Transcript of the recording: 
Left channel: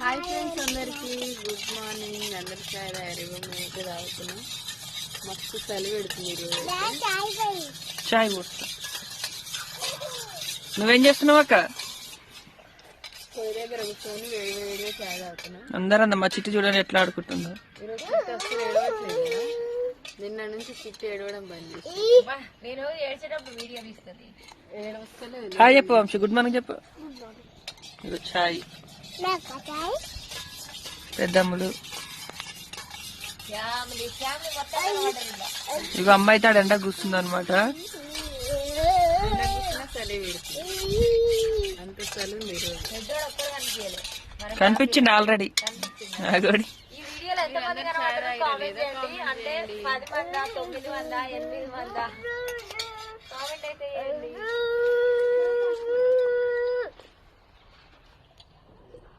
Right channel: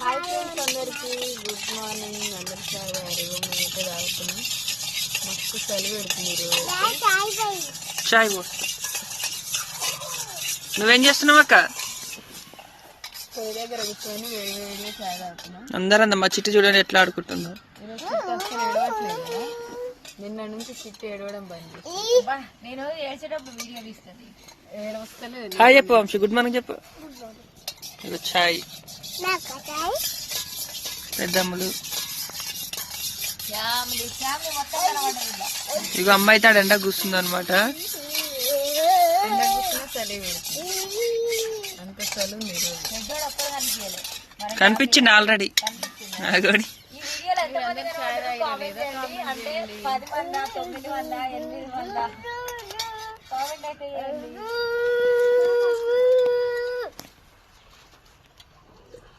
Hi friends అందరికి good morning. అందరు చాయ్ తాగారు, మేమైతే తాగుతున్నాం. మస్తు చలి పెడుతుంది ఈరోజు. చాయ్ పోస్తా. నువ్వేం చేస్తున్నావు అక్క? పొయ్యి దగ్గర కూర్చొని వేడి వేడిగా చాయ్ తాగుతున్నాం. అందరూ మా చిట్టి చూడండి ఎట్లా ఆడుకుంటుందో. ఈరోజు చిట్టి అసలు ఏడవట్లేదు కదా, నిన్న నుంచి చిట్టి ఏడవడం బంద్. నేను ఏడ్చేటప్పుడు వీడియో తీస్తాను. ఏడవస్తలేదు. హాయ్ చెప్పు వంశీ, గుడ్ మార్నింగ్ చెప్పు. ఇగో చాయ్ పెద్దమ్ములు. ఇక అమ్మాయి తాడు ఎండ కూర్చుంది అనమాట. చలి అంత చలి ఉంది. కనిపించింది ఆల్రెడీ.